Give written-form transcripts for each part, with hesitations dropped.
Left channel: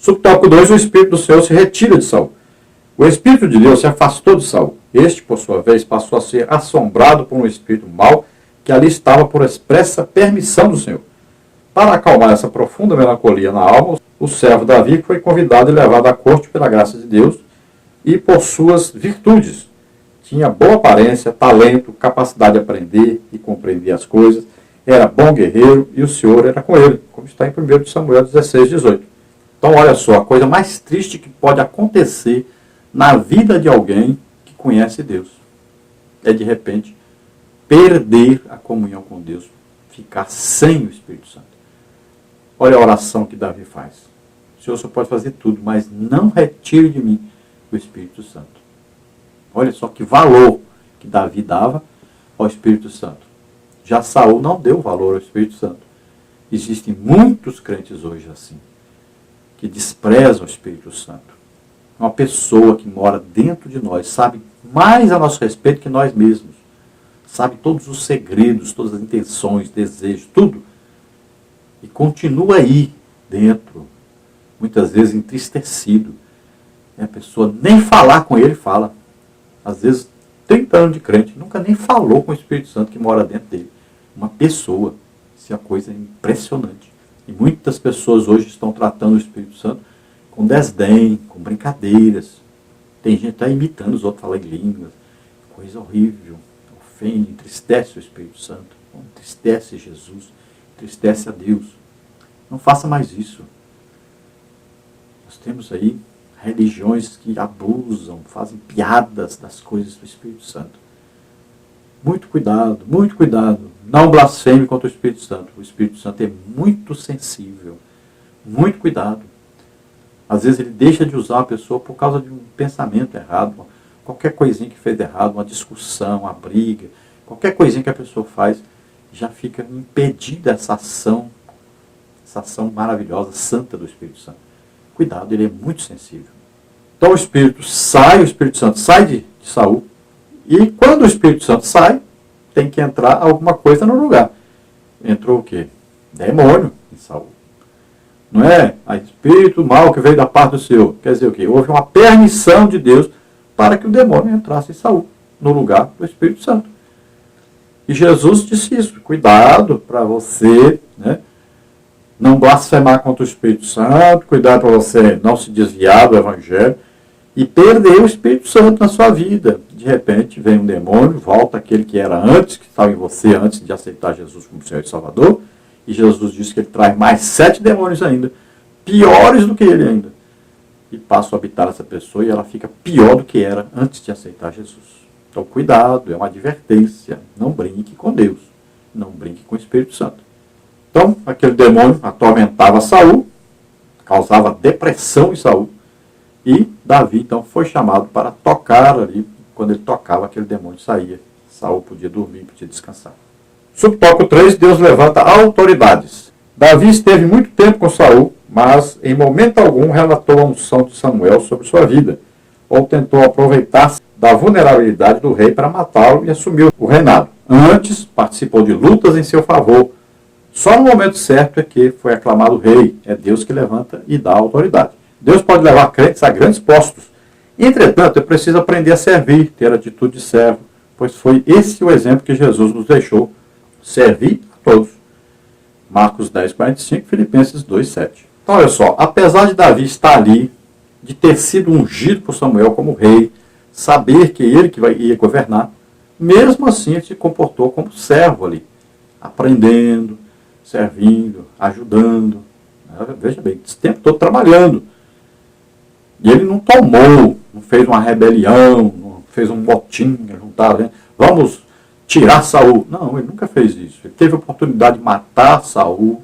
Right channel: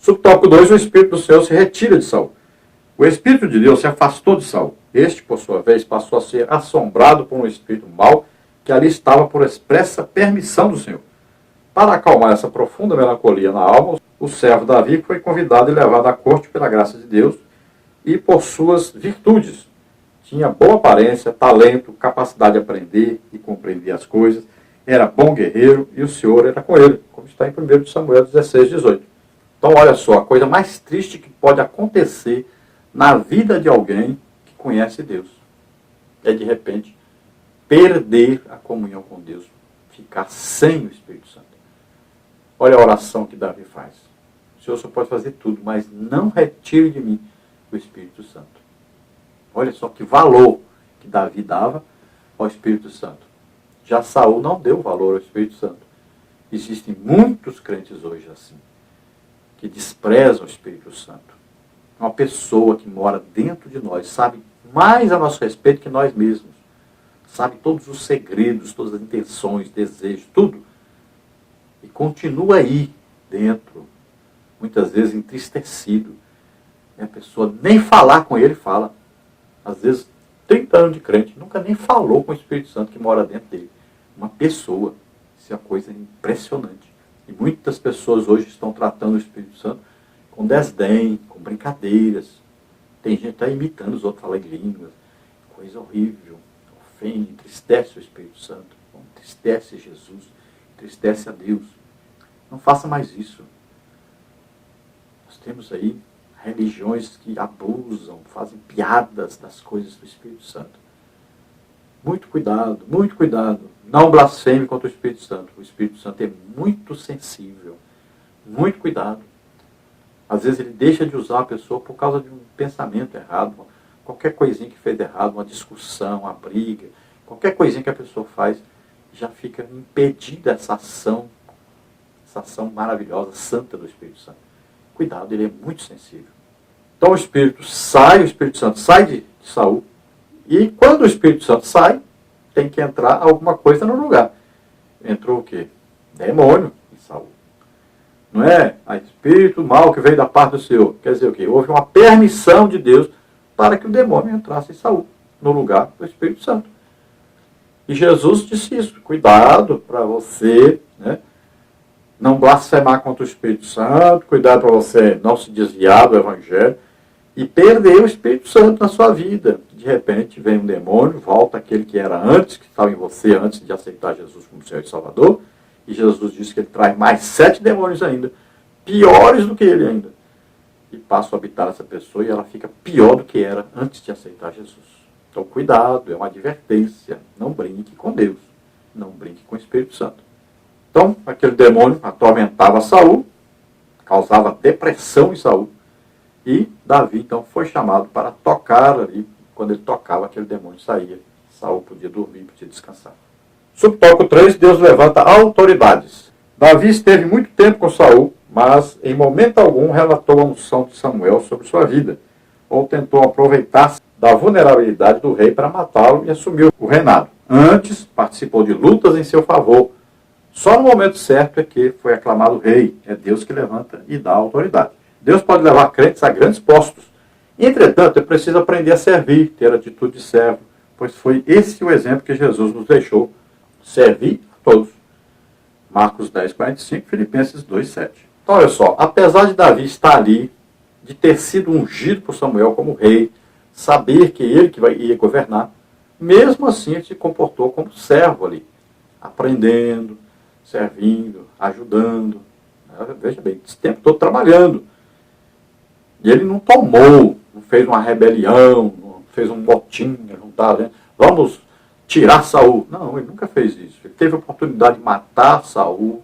Subtópico 2, o Espírito do Senhor se retira de Saul. O Espírito de Deus se afastou de Saul. Este, por sua vez, passou a ser assombrado por um espírito mau que ali estava por expressa permissão do Senhor. Para acalmar essa profunda melancolia na alma, o servo Davi foi convidado e levado à corte pela graça de Deus e por suas virtudes. Tinha boa aparência, talento, capacidade de aprender e compreender as coisas, era bom guerreiro e o Senhor era com ele, como está em 1 Samuel 16, 18. Então, olha só, a coisa mais triste que pode acontecer na vida de alguém que conhece Deus é, de repente, perder a comunhão com Deus, ficar sem o Espírito Santo. Olha a oração que Davi faz. O Senhor só pode fazer tudo, mas não retire de mim o Espírito Santo. Olha só que valor que Davi dava ao Espírito Santo. Já Saul não deu valor ao Espírito Santo. Existem muitos crentes hoje assim, que desprezam o Espírito Santo. Uma pessoa que mora dentro de nós, sabe mais a nosso respeito que nós mesmos. Sabe todos os segredos, todas as intenções, desejos, tudo. E continua aí dentro, muitas vezes entristecido. E a pessoa nem falar com ele fala. Às vezes, 30 anos de crente, nunca nem falou com o Espírito Santo que mora dentro dele. Uma pessoa. Isso é uma coisa impressionante. E muitas pessoas hoje estão tratando o Espírito Santo com desdém, com brincadeiras. Tem gente que está imitando os outros, falando em línguas. Coisa horrível. Ofende, entristece o Espírito Santo. Entristece Jesus. Entristece a Deus. Não faça mais isso. Nós temos aí religiões que abusam, fazem piadas das coisas do Espírito Santo. Muito cuidado, muito cuidado. Não blasfeme contra o Espírito Santo. O Espírito Santo é muito sensível. Muito cuidado. Às vezes ele deixa de usar a pessoa por causa de um pensamento errado, qualquer coisinha que fez errado, uma discussão, uma briga, qualquer coisinha que a pessoa faz, já fica impedida essa ação maravilhosa, santa do Espírito Santo. Cuidado, ele é muito sensível. Então o Espírito Santo sai de Saul, e quando o Espírito Santo sai, tem que entrar alguma coisa no lugar. Entrou o quê? Demônio em Saul. Não é? A espírito mal que veio da parte do Senhor. Quer dizer o quê? Houve uma permissão de Deus para que o demônio entrasse em Saul, no lugar do Espírito Santo. E Jesus disse isso. Cuidado para você, né, não blasfemar contra o Espírito Santo. Cuidado para você não se desviar do Evangelho e perder o Espírito Santo na sua vida. De repente vem um demônio, volta aquele que era antes, que estava em você antes de aceitar Jesus como Senhor e Salvador. E Jesus disse que ele traz mais 7 demônios ainda, piores do que ele ainda. E passa a habitar essa pessoa e ela fica pior do que era antes de aceitar Jesus. Então cuidado, é uma advertência. Não brinque com Deus. Não brinque com o Espírito Santo. Então, aquele demônio atormentava Saul, causava depressão em Saul. E Davi, então, foi chamado para tocar ali. Quando ele tocava, aquele demônio saía. Saul podia dormir, podia descansar. Subtópico 3, Deus levanta autoridades. Davi esteve muito tempo com Saul, mas em momento algum relatou a unção de Samuel sobre sua vida, ou tentou aproveitar-se da vulnerabilidade do rei para matá-lo e assumir o reinado. Antes, participou de lutas em seu favor. Só no momento certo é que foi aclamado rei. É Deus que levanta e dá autoridade. Deus pode levar crentes a grandes postos. Entretanto, é preciso aprender a servir, ter atitude de servo, pois foi esse o exemplo que Jesus nos deixou. Servir a todos. Marcos 10, 45, Filipenses 2, 7. Então, olha só, apesar de Davi estar ali, de ter sido ungido por Samuel como rei, saber que ele que ia governar, mesmo assim ele se comportou como servo ali, aprendendo, servindo, ajudando. Veja bem, esse tempo todo trabalhando. E ele não tomou, não fez uma rebelião, não fez um motim, vamos tirar Saul. Não, ele nunca fez isso. Ele teve a oportunidade de matar Saul,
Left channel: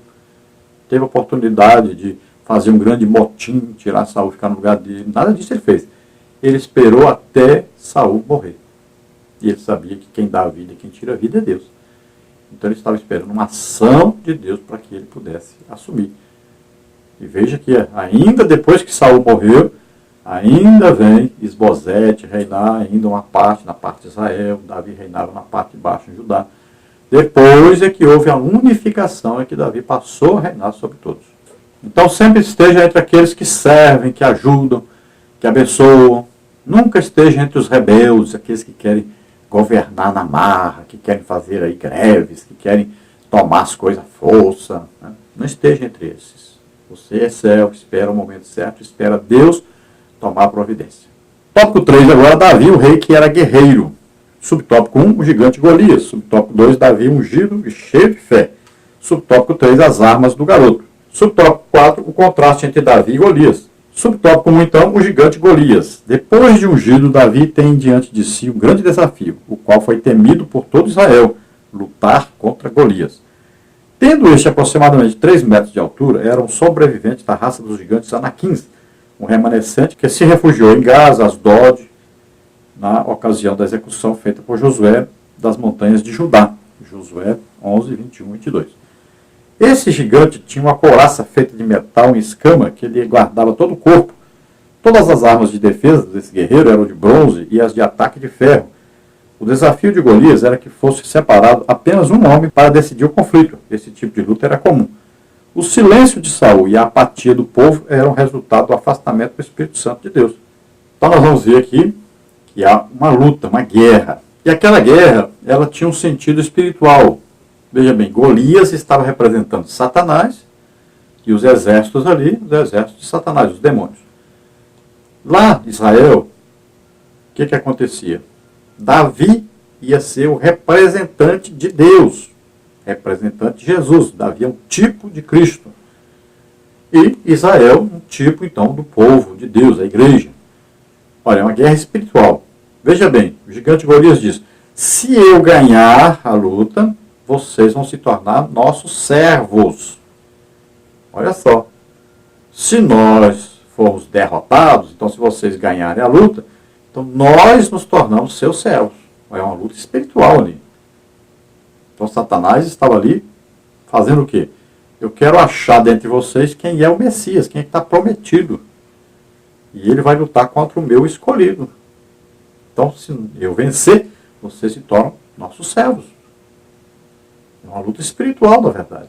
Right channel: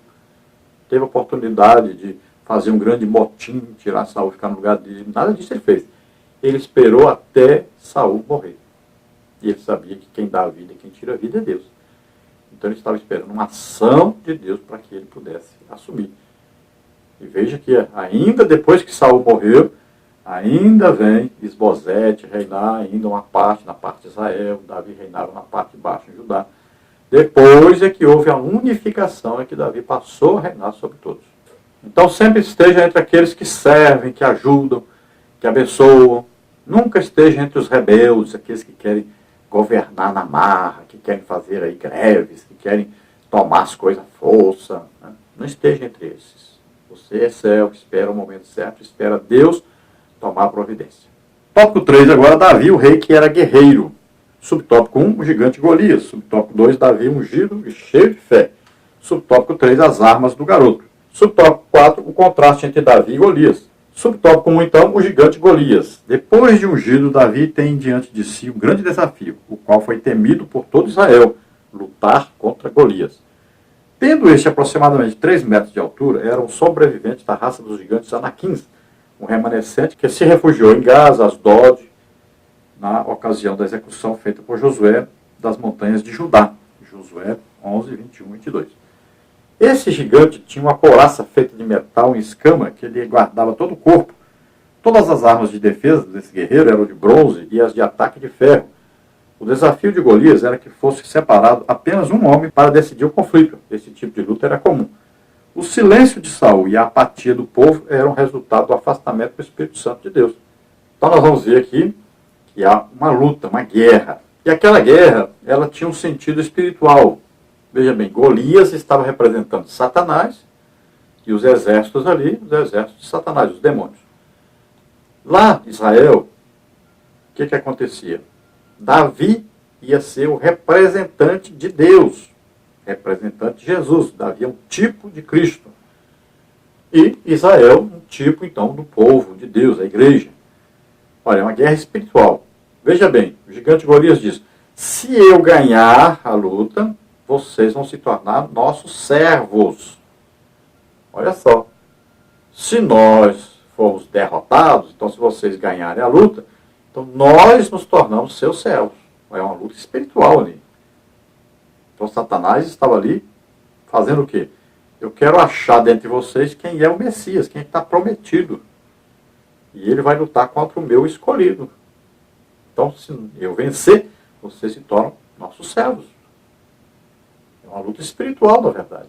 teve a oportunidade de fazer um grande motim, tirar Saul, ficar no lugar dele. Nada disso ele fez. Ele esperou até Saul morrer. E ele sabia que quem dá a vida e quem tira a vida é Deus. Então ele estava esperando uma ação de Deus para que ele pudesse assumir. E veja que ainda depois que Saul morreu, ainda vem Isbosete reinar ainda uma parte, na parte de Israel, Davi reinava na parte de baixo em Judá. Depois é que houve a unificação, é que Davi passou a reinar sobre todos. Então sempre esteja entre aqueles que servem, que ajudam, que abençoam. Nunca esteja entre os rebeldes, aqueles que querem governar na marra, que querem fazer aí greves, que querem tomar as coisas à força. Né? Não esteja entre esses. Você é servo, espera o momento certo, espera Deus tomar a providência. Tópico 3 agora, Davi, o rei que era guerreiro. Subtópico 1, o gigante Golias. Subtópico 2, Davi ungido e cheio de fé. Subtópico 3, as armas do garoto. Subtópico 4, o contraste entre Davi e Golias. Subtópico 1, então, o gigante Golias. Depois de ungido, Davi tem diante de si um grande desafio, o qual foi temido por todo Israel, lutar contra Golias. Tendo este aproximadamente 3 metros de altura, era um sobrevivente da raça dos gigantes Anaquins, um remanescente que se refugiou em Gaza, Asdod, na ocasião da execução feita por Josué das montanhas de Judá. Josué 11, 21 e 22. Esse gigante tinha uma couraça feita de metal em escama que lhe guardava todo o corpo. Todas as armas de defesa desse guerreiro eram de bronze e as de ataque de ferro. O desafio de Golias era que fosse separado apenas um homem para decidir o conflito. Esse tipo de luta era comum. O silêncio de Saul e a apatia do povo eram resultado do afastamento do Espírito Santo de Deus. Então nós vamos ver aqui que há uma luta, uma guerra. E aquela guerra, ela tinha um sentido espiritual. Veja bem, Golias estava representando Satanás e os exércitos ali, os exércitos de Satanás, os demônios. Lá em Israel, o que acontecia? Davi ia ser o representante de Deus, representante de Jesus. Davi é um tipo de Cristo. E Israel, um tipo, então, do povo de Deus, a igreja. Olha, é uma guerra espiritual. Veja bem, o gigante Golias diz, se eu ganhar a luta, vocês vão se tornar nossos servos. Olha só. Se nós formos derrotados, então se vocês ganharem a luta, então nós nos tornamos seus servos. É uma luta espiritual ali. Então Satanás estava ali fazendo o quê? Eu quero achar dentre vocês quem é o Messias, quem está prometido. E ele vai lutar contra o meu escolhido. Então, se eu vencer, vocês se tornam nossos servos. É uma luta espiritual, na verdade.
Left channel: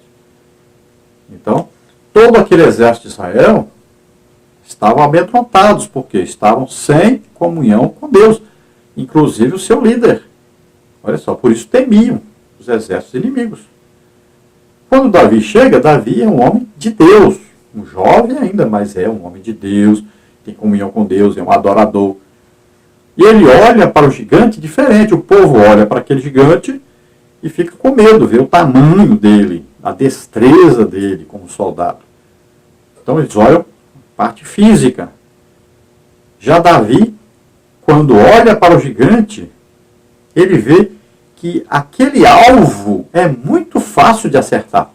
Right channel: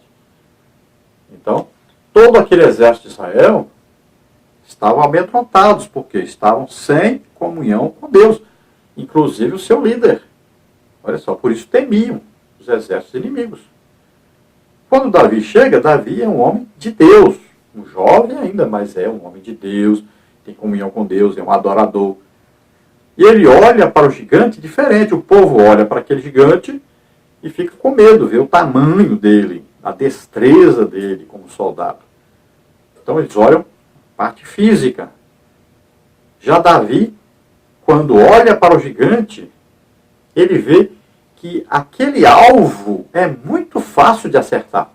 Então, todo aquele exército de Israel estavam amedrontados, porque estavam sem comunhão com Deus. Inclusive o seu líder. Olha só, por isso temiam os exércitos inimigos. Quando Davi chega, Davi é um homem de Deus. Um jovem ainda, mas é um homem de Deus. Tem comunhão com Deus, é um adorador. E ele olha para o gigante diferente. O povo olha para aquele gigante e fica com medo, vê o tamanho dele, a destreza dele como soldado. Então eles olham a parte física. Já Davi, quando olha para o gigante, ele vê que aquele alvo é muito fácil de acertar.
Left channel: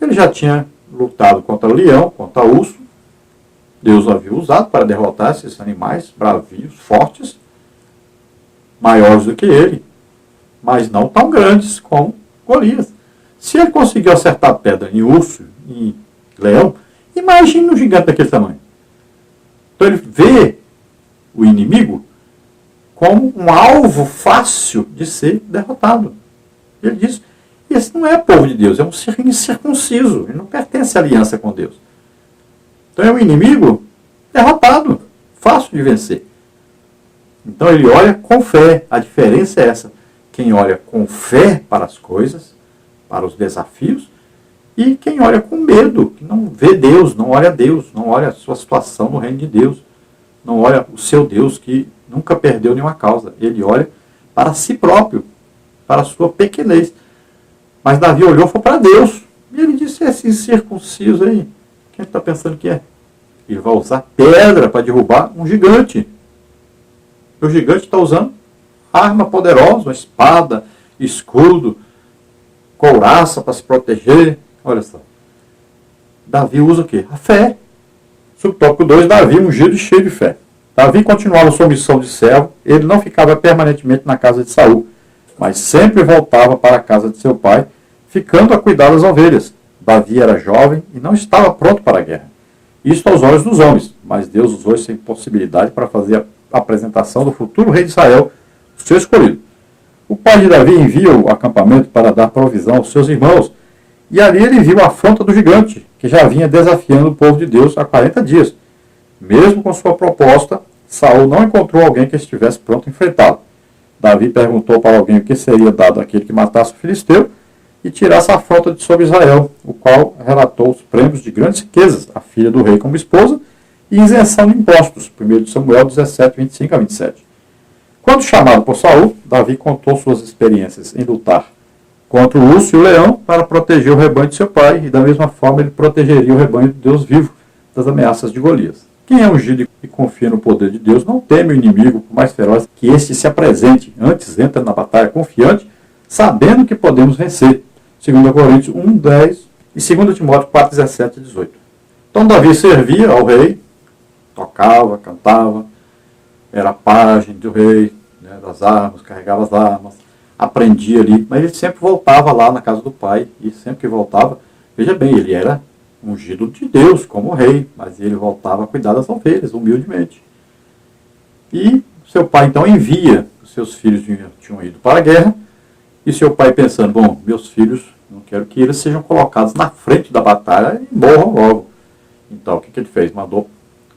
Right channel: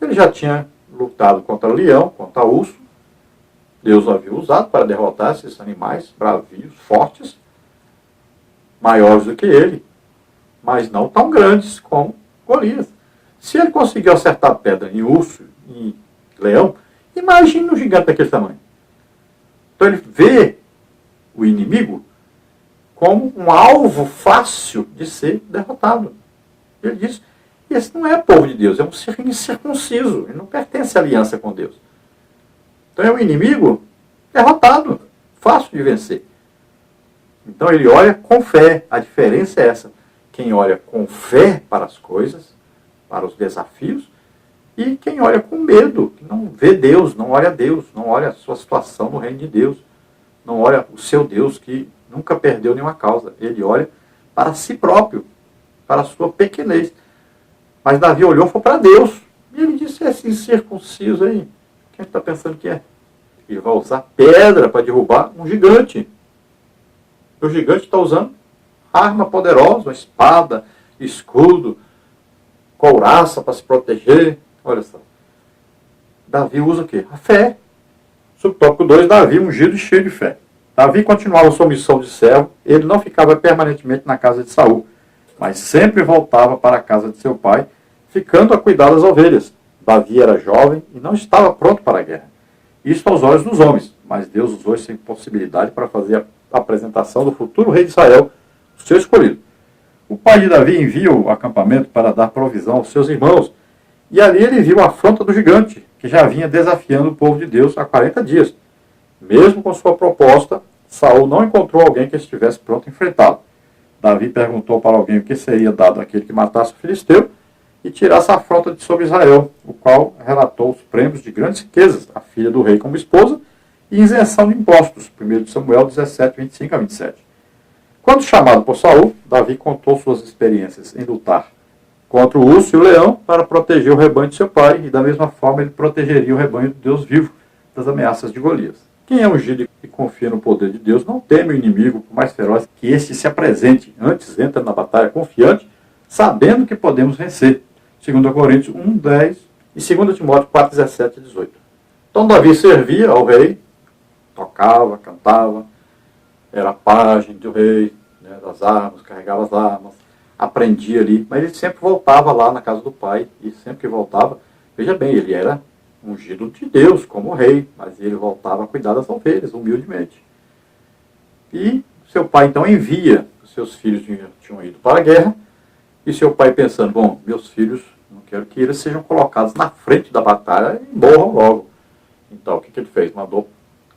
Ele já tinha lutado contra o leão, contra o urso. Deus o havia usado para derrotar esses animais bravios, fortes, maiores do que ele, mas não tão grandes como Golias. Se ele conseguiu acertar pedra em urso, em leão, imagine um gigante daquele tamanho. Então ele vê o inimigo como um alvo fácil de ser derrotado. Ele diz, esse não é povo de Deus, é um incircunciso, ele não pertence à aliança com Deus. Então é um inimigo derrotado, fácil de vencer. Então ele olha com fé. A diferença é essa. Quem olha com fé para as coisas, para os desafios, e quem olha com medo, que não vê Deus, não olha a Deus, não olha a sua situação no reino de Deus, não olha o seu Deus que nunca perdeu nenhuma causa. Ele olha para si próprio, para a sua pequenez. Mas Davi olhou e foi para Deus. E ele disse, esse incircunciso aí, quem está pensando que é? Ele vai usar pedra para derrubar um gigante. E o gigante está usando arma poderosa, uma espada, escudo, couraça para se proteger. Olha só. Davi usa o quê? A fé. Subtópico 2, Davi ungido e cheio de fé. Davi continuava sua missão de servo. Ele não ficava permanentemente na casa de Saul, mas sempre voltava para a casa de seu pai, ficando a cuidar das ovelhas. Davi era jovem e não estava pronto para a guerra. Isto aos olhos dos homens, mas Deus usou essa impossibilidade para fazer a apresentação do futuro rei de Israel, o seu escolhido. O pai de Davi envia o acampamento para dar provisão aos seus irmãos, E ali ele viu a afronta do gigante, que já vinha desafiando o povo de Deus há 40 dias. Mesmo com sua proposta, Saul não encontrou alguém que estivesse pronto a enfrentá-lo. Davi perguntou para alguém o que seria dado àquele que matasse o filisteu e tirasse a afronta de sobre Israel, o qual relatou os prêmios de grandes riquezas, a filha do rei como esposa, e isenção de impostos, 1 Samuel 17, 25 a 27. Quando chamado por Saul, Davi contou suas experiências em lutar contra o urso e o leão para proteger o rebanho de seu pai, e da mesma forma ele protegeria o rebanho de Deus vivo das ameaças de Golias. Quem é ungido e confia no poder de Deus não teme o inimigo, por mais feroz que este se apresente. Antes entra na batalha confiante, sabendo que podemos vencer. 2 Coríntios 1, 10 e 2 Timóteo 4, 17 e 18. Então Davi servia ao rei, tocava, cantava, era pajem do rei, né, das armas, carregava as armas, aprendia ali, mas ele sempre voltava lá na casa do pai, e sempre que voltava, veja bem, ele era ungido de Deus como rei, mas ele voltava a cuidar das ovelhas, humildemente. E seu pai então envia, os seus filhos tinham ido para a guerra, e seu pai pensando, bom, meus filhos, não quero que eles sejam colocados na frente da batalha e morram logo. Então o que ele fez? Mandou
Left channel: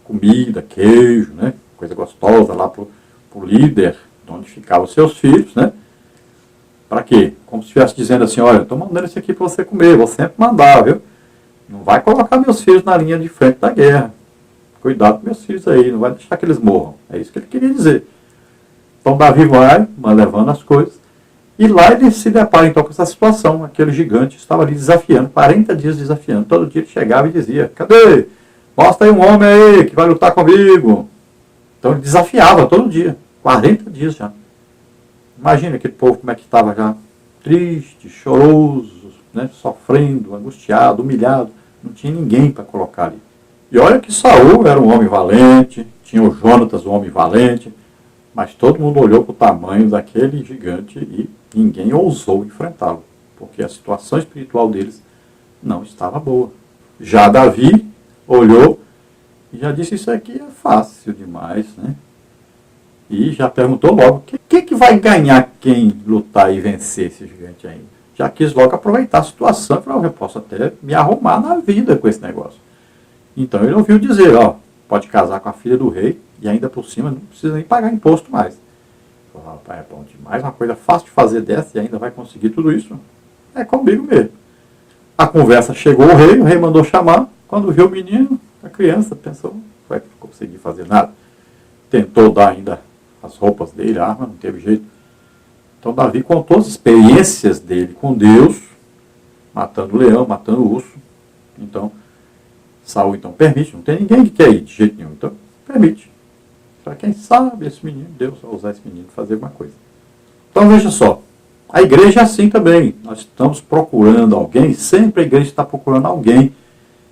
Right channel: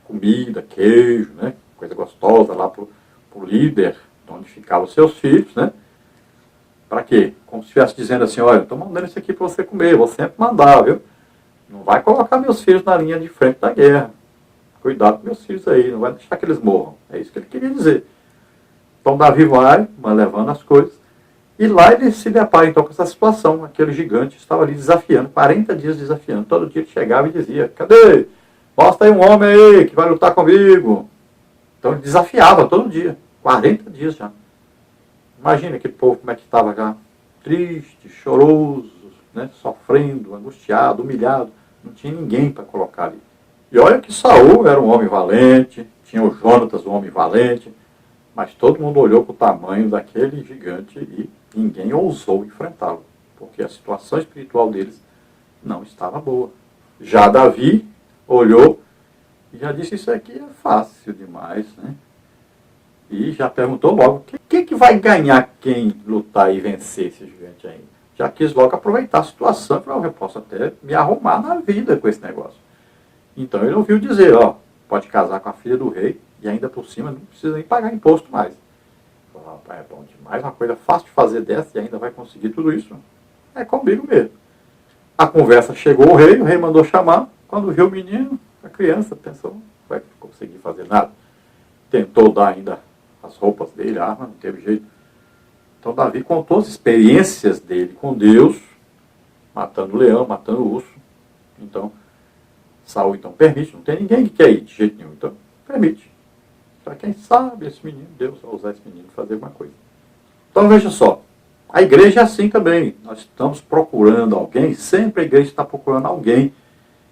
comida, queijo, né, coisa gostosa lá para o líder, onde ficavam os seus filhos, né? Para quê? Como se estivesse dizendo assim, olha, estou mandando isso aqui para você comer, vou sempre mandar, viu? Não vai colocar meus filhos na linha de frente da guerra. Cuidado com meus filhos aí, não vai deixar que eles morram. É isso que ele queria dizer. Então Davi vai levando as coisas, e lá ele se depara então com essa situação. Aquele gigante estava ali desafiando, 40 dias desafiando. Todo dia ele chegava e dizia, cadê? Mostra aí um homem aí que vai lutar comigo. Então ele desafiava todo dia, 40 dias já. Imagina aquele povo como é que estava já, triste, choroso, né, sofrendo, angustiado, humilhado. Não tinha ninguém para colocar ali. E olha que Saul era um homem valente, tinha o Jonatas, um homem valente, mas todo mundo olhou para o tamanho daquele gigante e ninguém ousou enfrentá-lo, porque a situação espiritual deles não estava boa. Já Davi olhou e já disse, isso aqui é fácil demais, né? E já perguntou logo, o que vai ganhar quem lutar e vencer esse gigante aí? Já quis logo aproveitar a situação e falar, eu posso até me arrumar na vida com esse negócio. Então ele ouviu dizer, ó, pode casar com a filha do rei e ainda por cima não precisa nem pagar imposto mais. Falei, rapaz, é bom demais, uma coisa fácil de fazer dessa e ainda vai conseguir tudo isso. É comigo mesmo. A conversa chegou ao rei, o rei mandou chamar. Quando viu o menino, a criança pensou, não vai conseguir fazer nada. Tentou dar ainda as roupas dele, a arma, não teve jeito. Então Davi contou as experiências dele com Deus, matando o leão, matando o urso. Então, Saul então permite, não tem ninguém que quer ir de jeito nenhum, então permite. Para quem sabe esse menino, Deus vai usar esse menino para fazer alguma coisa. Então veja só, a igreja é assim também. Nós estamos procurando alguém, sempre a igreja está procurando alguém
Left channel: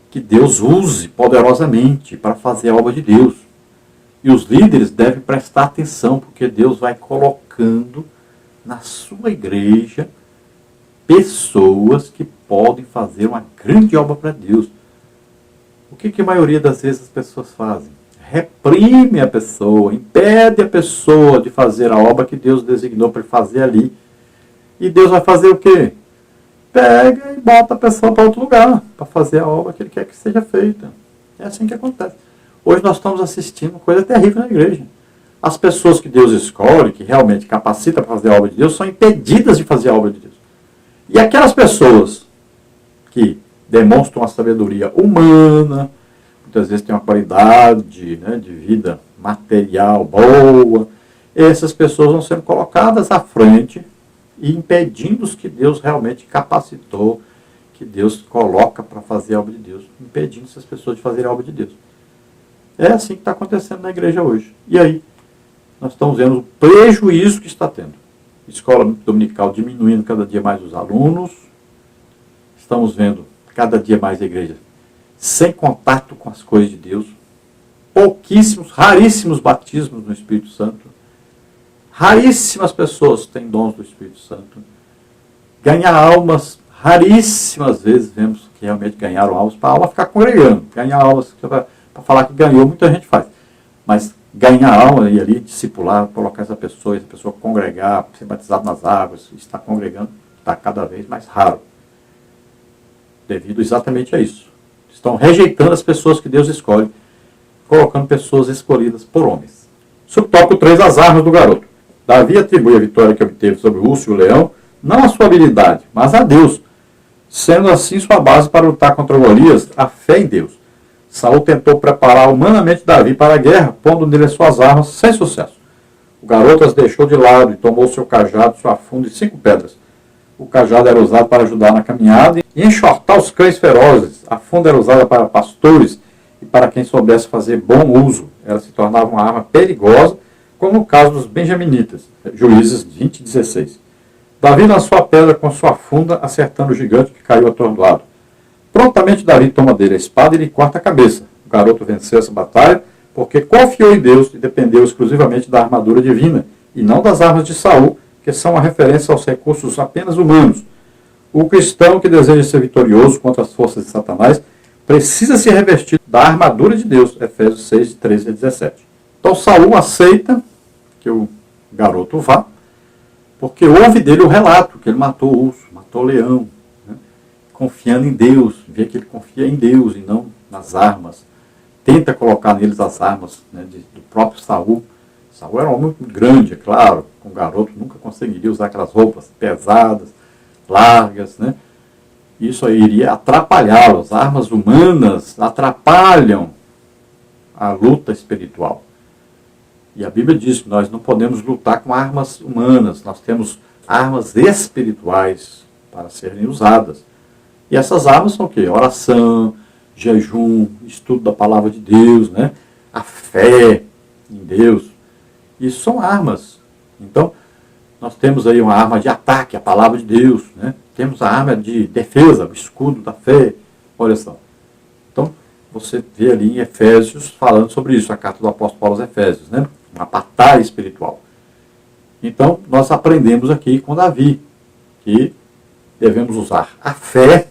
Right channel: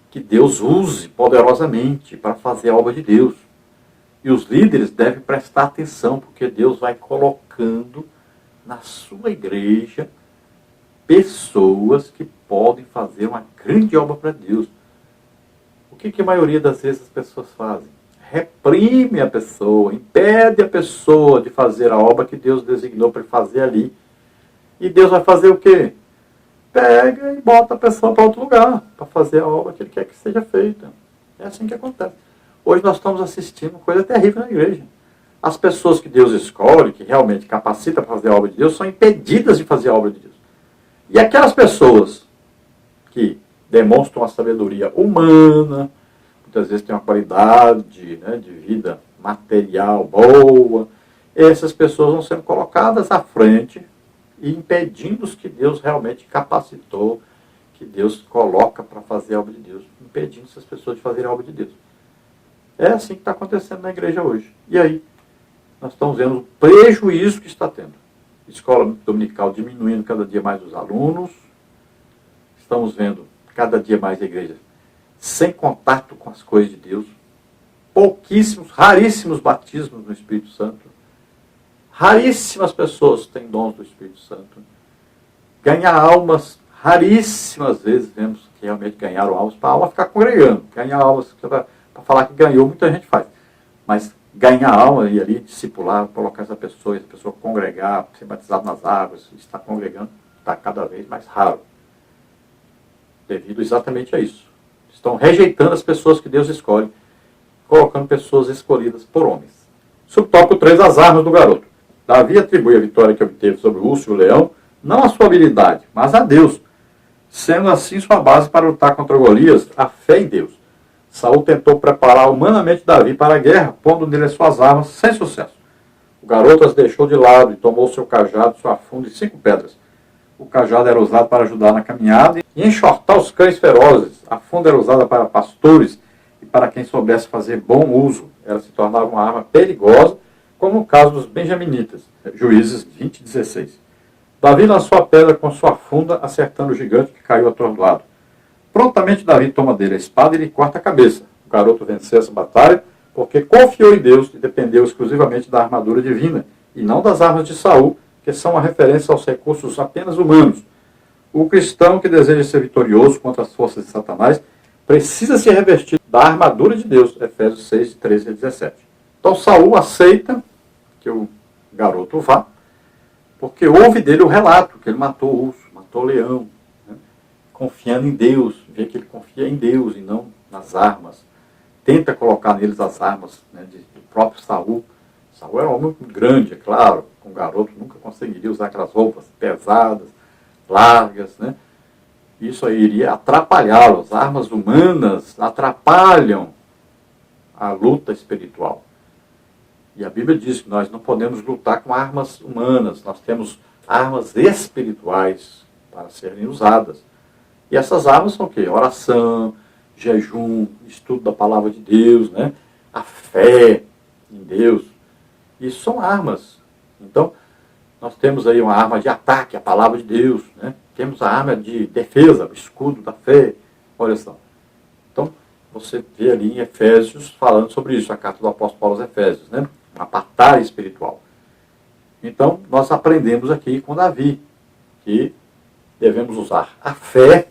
que Deus use poderosamente para fazer a obra de Deus. E os líderes devem prestar atenção, porque Deus vai colocando na sua igreja pessoas que podem fazer uma grande obra para Deus. O que a maioria das vezes as pessoas fazem? Reprime a pessoa, impede a pessoa de fazer a obra que Deus designou para fazer ali. E Deus vai fazer o quê? Pega e bota a pessoa para outro lugar, para fazer a obra que Ele quer que seja feita. É assim que acontece. Hoje nós estamos assistindo coisa terrível na igreja. As pessoas que Deus escolhe, que realmente capacita para fazer a obra de Deus, são impedidas de fazer a obra de Deus. E aquelas pessoas que demonstram a sabedoria humana, muitas vezes têm uma qualidade, né, de vida material boa, essas pessoas vão sendo colocadas à frente e impedindo os que Deus realmente capacitou, que Deus coloca para fazer a obra de Deus, impedindo essas pessoas de fazerem a obra de Deus. É assim que está acontecendo na igreja hoje. E aí, nós estamos vendo o prejuízo que está tendo. Escola dominical diminuindo cada dia mais os alunos. Estamos vendo cada dia mais a igreja sem contato com as coisas de Deus. Pouquíssimos, raríssimos batismos no Espírito Santo. Raríssimas pessoas têm dons do Espírito Santo. Ganhar almas, raríssimas vezes vemos que realmente ganharam almas para a alma ficar congregando. Ganhar almas para falar que ganhou, muita gente faz. Mas ganhar alma e ali discipular, colocar essa pessoa congregar, ser batizado nas águas, estar congregando, está cada vez mais raro. devido exatamente a isso. Estão rejeitando as pessoas que Deus escolhe, colocando pessoas escolhidas por homens. Subtópico 3, as armas do garoto. Davi atribui a vitória que obteve sobre o urso e o leão, não à sua habilidade, mas a Deus, sendo assim sua base para lutar contra Golias, a fé em Deus. Saul tentou preparar humanamente Davi para a guerra, pondo nele as suas armas, sem sucesso. O garoto as deixou de lado e tomou seu cajado, sua funda e 5 pedras. O cajado era usado para ajudar na caminhada e enxortar os cães ferozes. A funda era usada para pastores e para quem soubesse fazer bom uso. Ela se tornava uma arma perigosa, como no caso dos benjaminitas. Juízes 20:16. Davi lançou a pedra com sua funda, acertando o gigante que caiu atordoado. Prontamente Davi toma dele a espada e lhe corta a cabeça. O garoto venceu essa batalha porque confiou em Deus e dependeu exclusivamente da armadura divina e não das armas de Saul, que são uma referência aos recursos apenas humanos. O cristão que deseja ser vitorioso contra as forças de Satanás precisa se revestir da armadura de Deus. Efésios 6, 13 a 17. Então Saul aceita que o garoto vá, porque houve dele o relato que ele matou o urso, matou o leão, né? Confiando em Deus, vê que ele confia em Deus e não nas armas. Tenta colocar neles as armas, né, do próprio Saul. Saul era um homem muito grande, é claro, com um garoto nunca conseguiria usar aquelas roupas pesadas, largas, né? Isso aí iria atrapalhá-lo. As armas humanas atrapalham a luta espiritual. E a Bíblia diz que nós não podemos lutar com armas humanas, nós temos armas espirituais para serem usadas. E essas armas são o quê? Oração, jejum, estudo da palavra de Deus, né? A fé em Deus. Isso são armas. Então, nós temos aí uma arma de ataque, a palavra de Deus, né? Temos a arma de defesa, o escudo da fé. Olha só. Então, você vê ali em Efésios falando sobre isso, a carta do apóstolo Paulo aos Efésios, né? Uma batalha espiritual. Então, nós aprendemos aqui com Davi que devemos usar a fé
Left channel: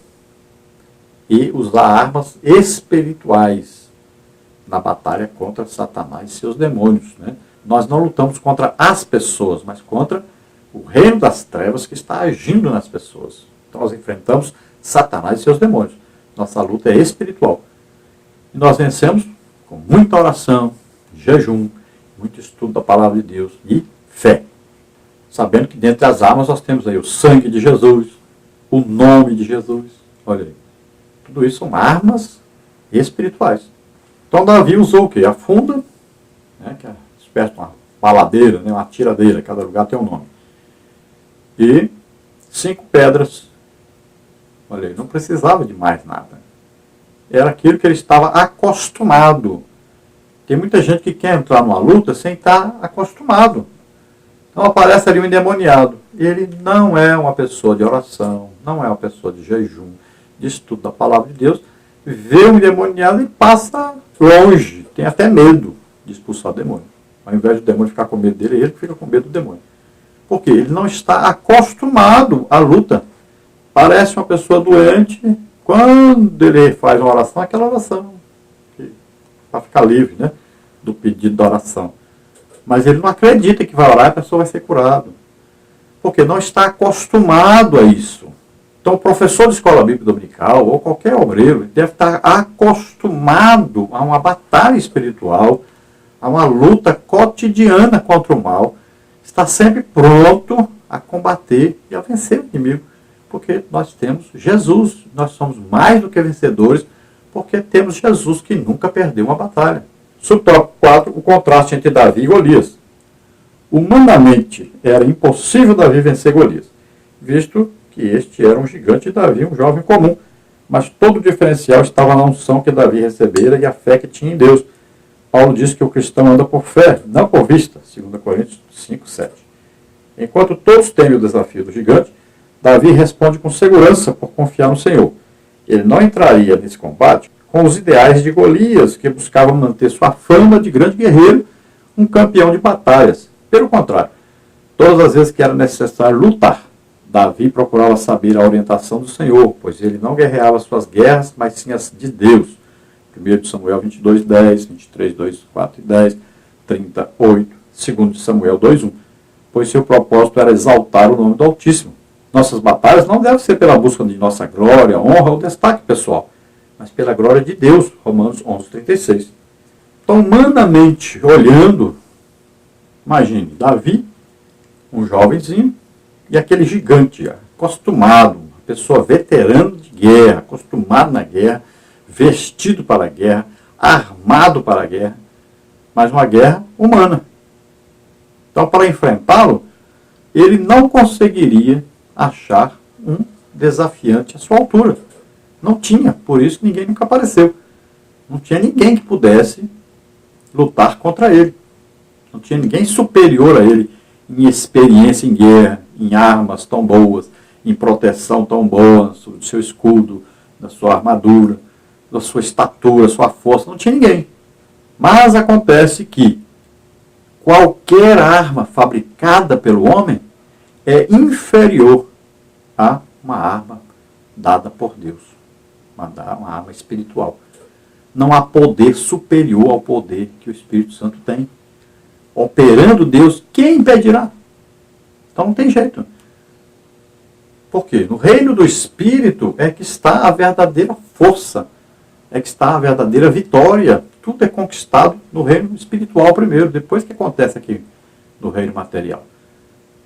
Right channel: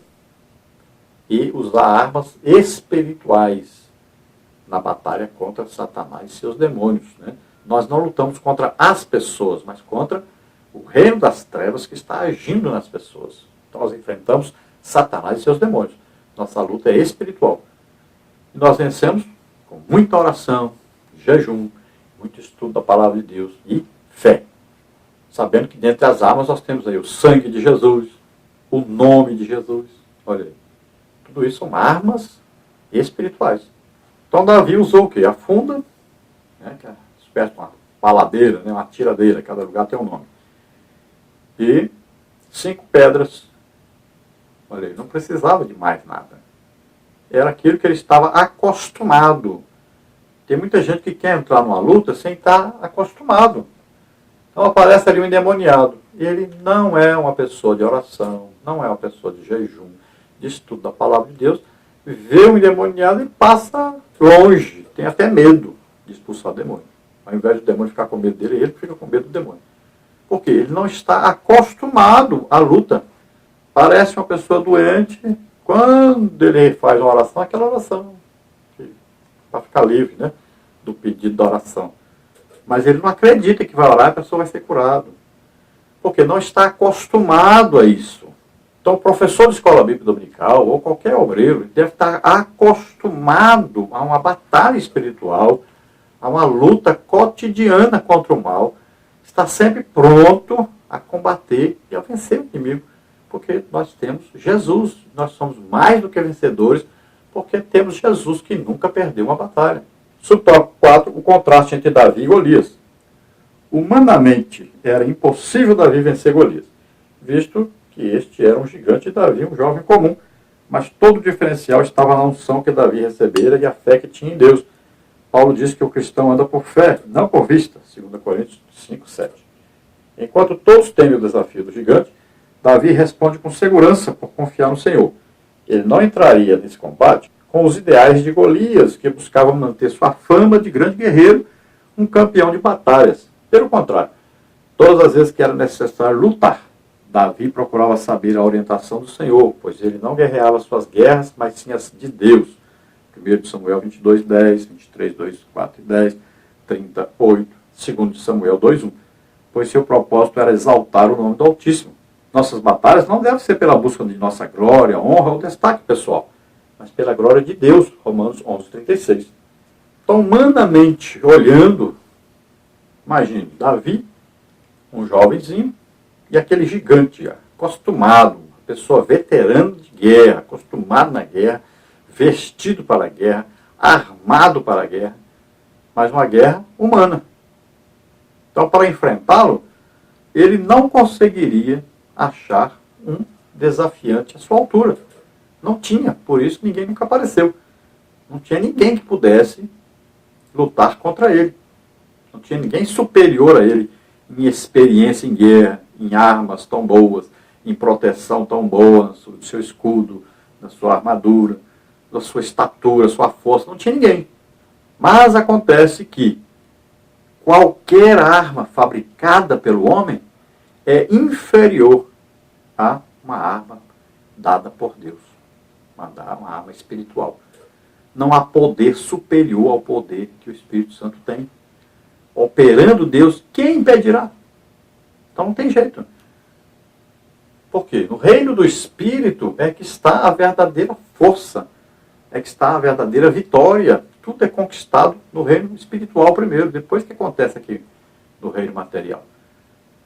e usar armas espirituais na batalha contra Satanás e seus demônios, né? Nós não lutamos contra as pessoas, mas contra o reino das trevas que está agindo nas pessoas. Então nós enfrentamos Satanás e seus demônios. Nossa luta é espiritual. E nós vencemos com muita oração, jejum, muito estudo da palavra de Deus e fé. Sabendo que dentre as armas nós temos aí o sangue de Jesus, o nome de Jesus. Olha aí. Tudo isso são armas espirituais. Então Davi usou o quê? A funda, né, que é espécie de uma baladeira, né, uma tiradeira, cada lugar tem um nome. E 5 pedras. Olha aí, não precisava de mais nada. Era aquilo que ele estava acostumado. Tem muita gente que quer entrar numa luta sem estar acostumado. Então aparece ali um endemoniado. Ele não é uma pessoa de oração, não é uma pessoa de jejum, de estudo da palavra de Deus. Vê um endemoniado e passa longe, tem até medo de expulsar o demônio. Ao invés do demônio ficar com medo dele, ele fica com medo do demônio. Porque ele não está acostumado à luta. Parece uma pessoa doente, quando ele faz uma oração, aquela oração, para ficar livre, né, do pedido da oração. Mas ele não acredita que vai orar e a pessoa vai ser curada. Porque não está acostumado a isso. Então, o professor de escola bíblica dominical, ou qualquer obreiro, deve estar acostumado a uma batalha espiritual, a uma luta cotidiana contra o mal, está sempre pronto a combater e a vencer o inimigo, porque nós temos Jesus, nós somos mais do que vencedores, porque temos Jesus que nunca perdeu uma batalha. Subtópico 4, o contraste entre Davi e Golias. Humanamente, era impossível Davi vencer Golias, visto que este era um gigante e Davi um jovem comum, mas todo o diferencial estava na unção que Davi recebera e a fé que tinha em Deus. Paulo diz que o cristão anda por fé, não por vista, 2 Coríntios 5, 7. Enquanto todos temem o desafio do gigante, Davi responde com segurança por confiar no Senhor. Ele não entraria nesse combate com os ideais de Golias, que buscava manter sua fama de grande guerreiro, um campeão de batalhas. Pelo contrário, todas as vezes que era necessário lutar, Davi procurava saber a orientação do Senhor, pois ele não guerreava suas guerras, mas sim as de Deus. 1 Samuel 22, 10, 23, 2, 4 e 10, 38, 2 Samuel 2, 1. Pois seu propósito era exaltar o nome do Altíssimo. Nossas batalhas não devem ser pela busca de nossa glória, honra ou destaque pessoal, mas pela glória de Deus, Romanos 11:36. Então, humanamente olhando, imagine, Davi, um jovenzinho, e aquele gigante, acostumado, uma pessoa veterana de guerra, acostumado na guerra, vestido para a guerra, armado para a guerra, mas uma guerra humana. Então, para enfrentá-lo, ele não conseguiria achar um desafiante à sua altura. Não tinha, por isso ninguém nunca apareceu. Não tinha ninguém que pudesse lutar contra ele. Não tinha ninguém superior a ele em experiência em guerra, em armas tão boas, em proteção tão boa, do seu escudo, da sua armadura, da sua estatura, sua força. Não tinha ninguém. Mas acontece que qualquer arma fabricada pelo homem é inferior a uma arma dada por Deus, uma arma espiritual. Não há poder superior ao poder que o Espírito Santo tem. Operando Deus, quem impedirá? Então não tem jeito. Por quê? No reino do Espírito é que está a verdadeira força, é que está a verdadeira vitória. Tudo é conquistado no reino espiritual primeiro, depois que acontece aqui no reino material.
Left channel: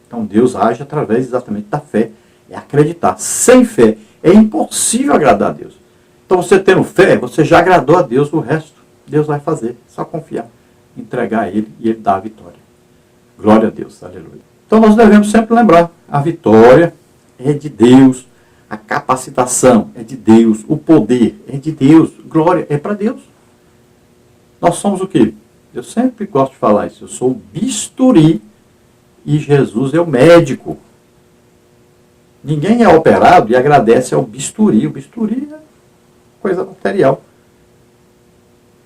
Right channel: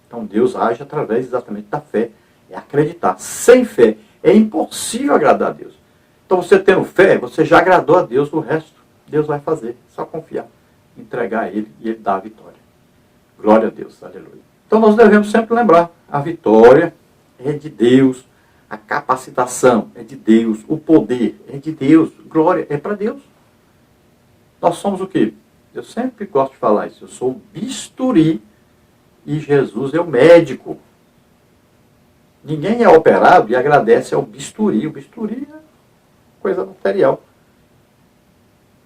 Então Deus age através exatamente da fé. É acreditar. Sem fé é impossível agradar a Deus. Então você tendo fé, você já agradou a Deus, o resto Deus vai fazer. Só confiar, entregar a Ele e Ele dá a vitória. Glória a Deus, aleluia. Então nós devemos sempre lembrar, a vitória é de Deus, a capacitação é de Deus, o poder é de Deus, glória é para Deus. Nós somos o quê? Eu sempre gosto de falar isso, eu sou o bisturi e Jesus é o médico. Ninguém é operado e agradece ao bisturi. O bisturi é coisa material.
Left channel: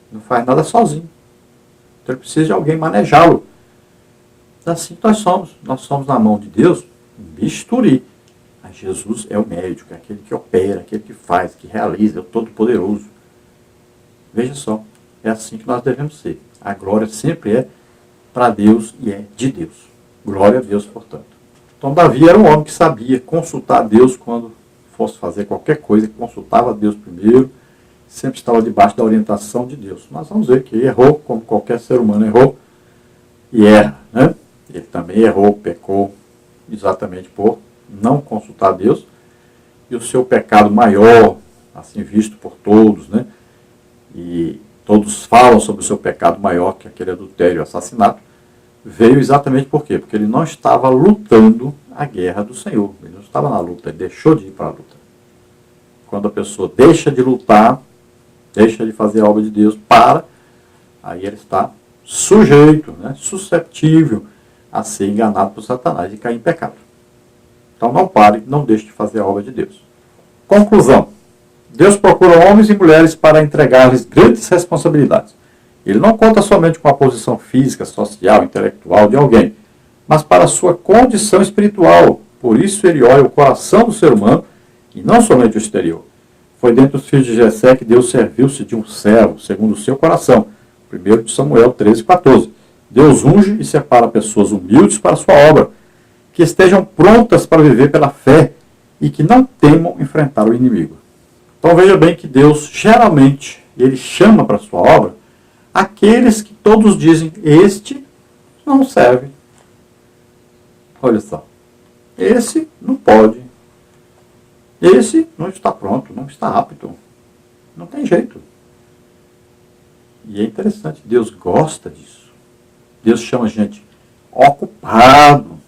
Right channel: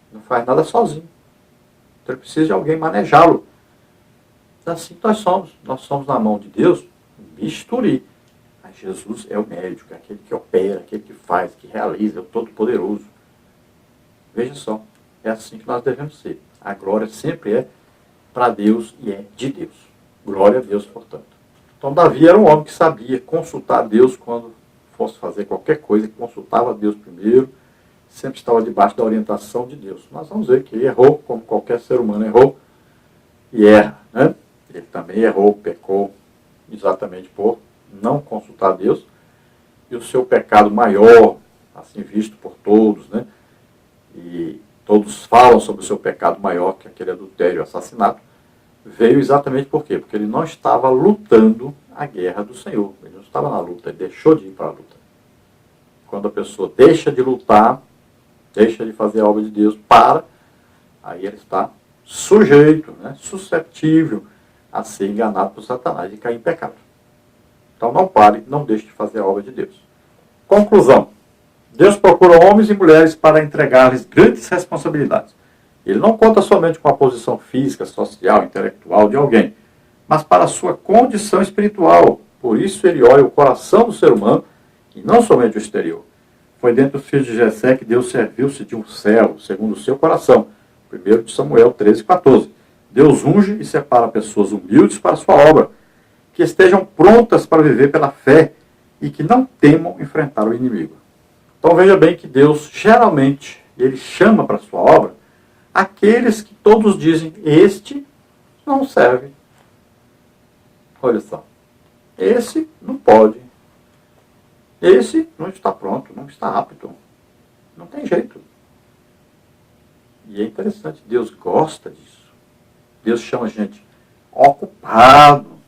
Não faz nada sozinho. Então ele precisa de alguém manejá-lo. Assim que nós somos. Nós somos na mão de Deus um bisturi. Mas Jesus é o médico, é aquele que opera, aquele que faz, que realiza, é o Todo-Poderoso. Veja só, é assim que nós devemos ser. A glória sempre é para Deus e é de Deus. Glória a Deus, portanto. Então Davi era um homem que sabia consultar Deus quando fosse fazer qualquer coisa, consultava Deus primeiro, sempre estava debaixo da orientação de Deus. Nós vamos ver que ele errou, como qualquer ser humano errou, e erra, né? Ele também errou, pecou, exatamente por não consultar Deus, e o seu pecado maior, assim visto por todos, né? E todos falam sobre o seu pecado maior, que é aquele adultério e assassinato, veio exatamente por quê? Porque ele não estava lutando a guerra do Senhor. Ele não estava na luta, ele deixou de ir para a luta. Quando a pessoa deixa de lutar, deixa de fazer a obra de Deus, aí ele está sujeito, né, susceptível a ser enganado por Satanás e cair em pecado. Então não pare, não deixe de fazer a obra de Deus. Conclusão. Deus procura homens e mulheres para entregar-lhes grandes responsabilidades. Ele não conta somente com a posição física, social, intelectual de alguém, mas para a sua condição espiritual. Por isso ele olha o coração do ser humano e não somente o exterior. Foi dentre os filhos de Jessé que Deus serviu-se de um servo, segundo o seu coração. 1 de Samuel 13:14. Deus unge e separa pessoas humildes para a sua obra, que estejam prontas para viver pela fé e que não temam enfrentar o inimigo. Então veja bem que Deus, geralmente, ele chama para a sua obra aqueles que todos dizem, este não serve. Olha só, esse não pode. Esse não está pronto, não está apto. Não tem jeito. E é interessante, Deus gosta disso. Deus chama a gente ocupado.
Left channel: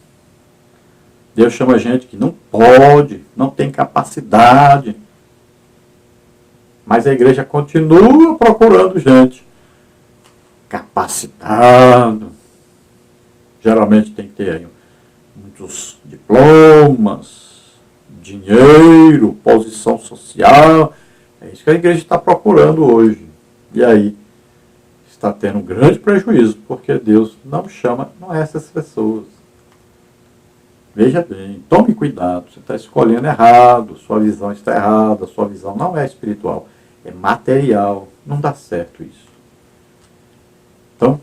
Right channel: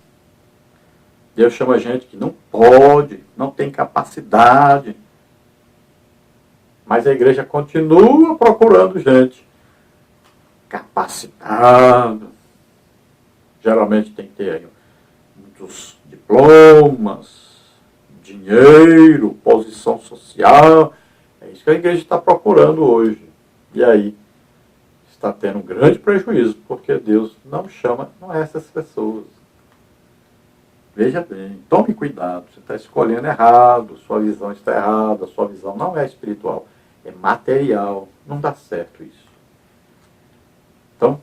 Deus chama a gente que não pode, não tem capacidade. Mas a igreja continua procurando gente capacitado. Geralmente tem que ter aí muitos diplomas, dinheiro, posição social. É isso que a igreja está procurando hoje. E aí está tendo um grande prejuízo, porque Deus não chama essas pessoas. Veja bem, tome cuidado, você está escolhendo errado, sua visão está errada, sua visão não é espiritual, é material, não dá certo isso. Então,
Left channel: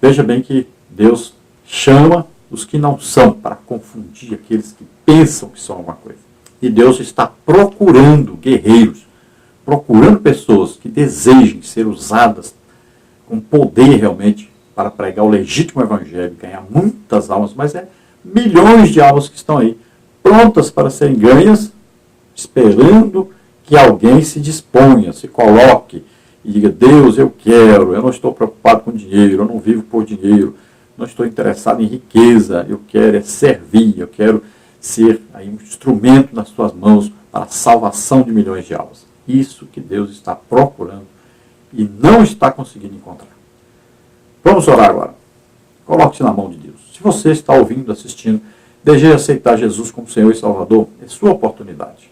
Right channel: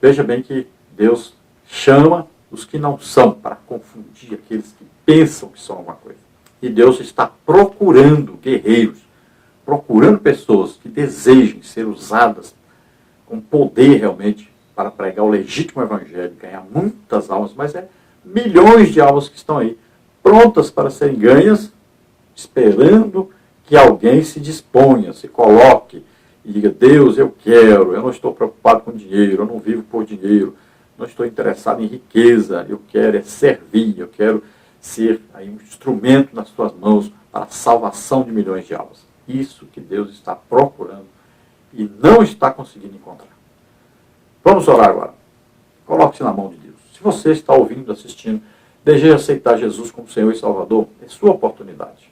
veja bem que Deus chama os que não são, para confundir aqueles que pensam que são alguma coisa. E Deus está procurando guerreiros, procurando pessoas que desejem ser usadas com poder realmente para pregar o legítimo evangelho, ganhar muitas almas, mas é milhões de almas que estão aí, prontas para serem ganhas, esperando que alguém se disponha, se coloque e diga: Deus, eu quero, eu não estou preocupado com dinheiro, eu não vivo por dinheiro, não estou interessado em riqueza, eu quero é servir, eu quero ser aí um instrumento nas suas mãos para a salvação de milhões de almas. Isso que Deus está procurando e não está conseguindo encontrar. Vamos orar agora. Coloque-se na mão de Deus. Se você está ouvindo, assistindo, deseja aceitar Jesus como Senhor e Salvador, é sua oportunidade.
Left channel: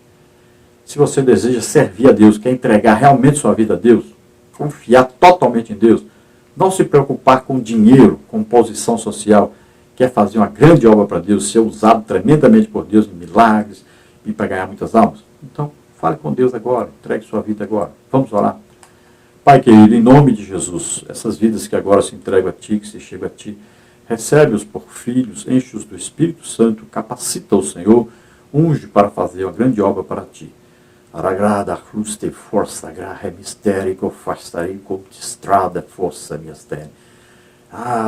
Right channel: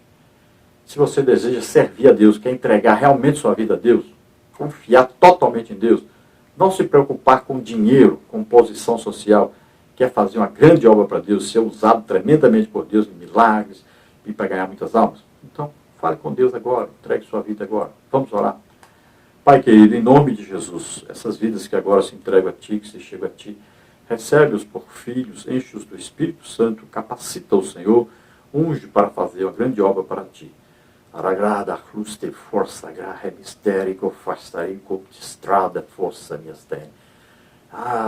Se você deseja servir a Deus, quer entregar realmente sua vida a Deus, confiar totalmente em Deus, não se preocupar com dinheiro, com posição social, quer fazer uma grande obra para Deus, ser usado tremendamente por Deus em milagres e para ganhar muitas almas, então fale com Deus agora, entregue sua vida agora. Vamos orar. Pai querido, em nome de Jesus, essas vidas que agora se entregam a Ti, que se chegam a Ti, recebe-os por filhos, enche-os do Espírito Santo, capacita o Senhor, unge para fazer uma grande obra para Ti. Aragrada, cluste, força, graha, mistérico, fastai, estrada, força, mistério.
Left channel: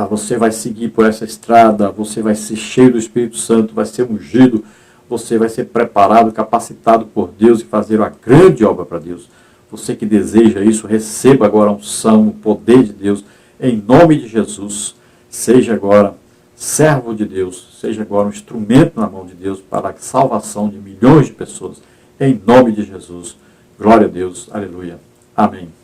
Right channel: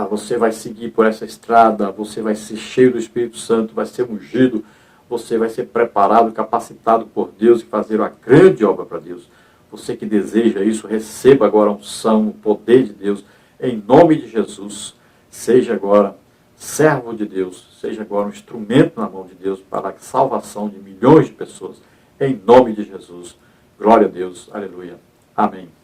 Você vai seguir por essa estrada, você vai ser cheio do Espírito Santo, vai ser ungido, você vai ser preparado, capacitado por Deus e fazer uma grande obra para Deus. Você que deseja isso, receba agora a unção, o poder de Deus, em nome de Jesus. Seja agora servo de Deus, seja agora um instrumento na mão de Deus para a salvação de milhões de pessoas. Em nome de Jesus. Glória a Deus. Aleluia. Amém.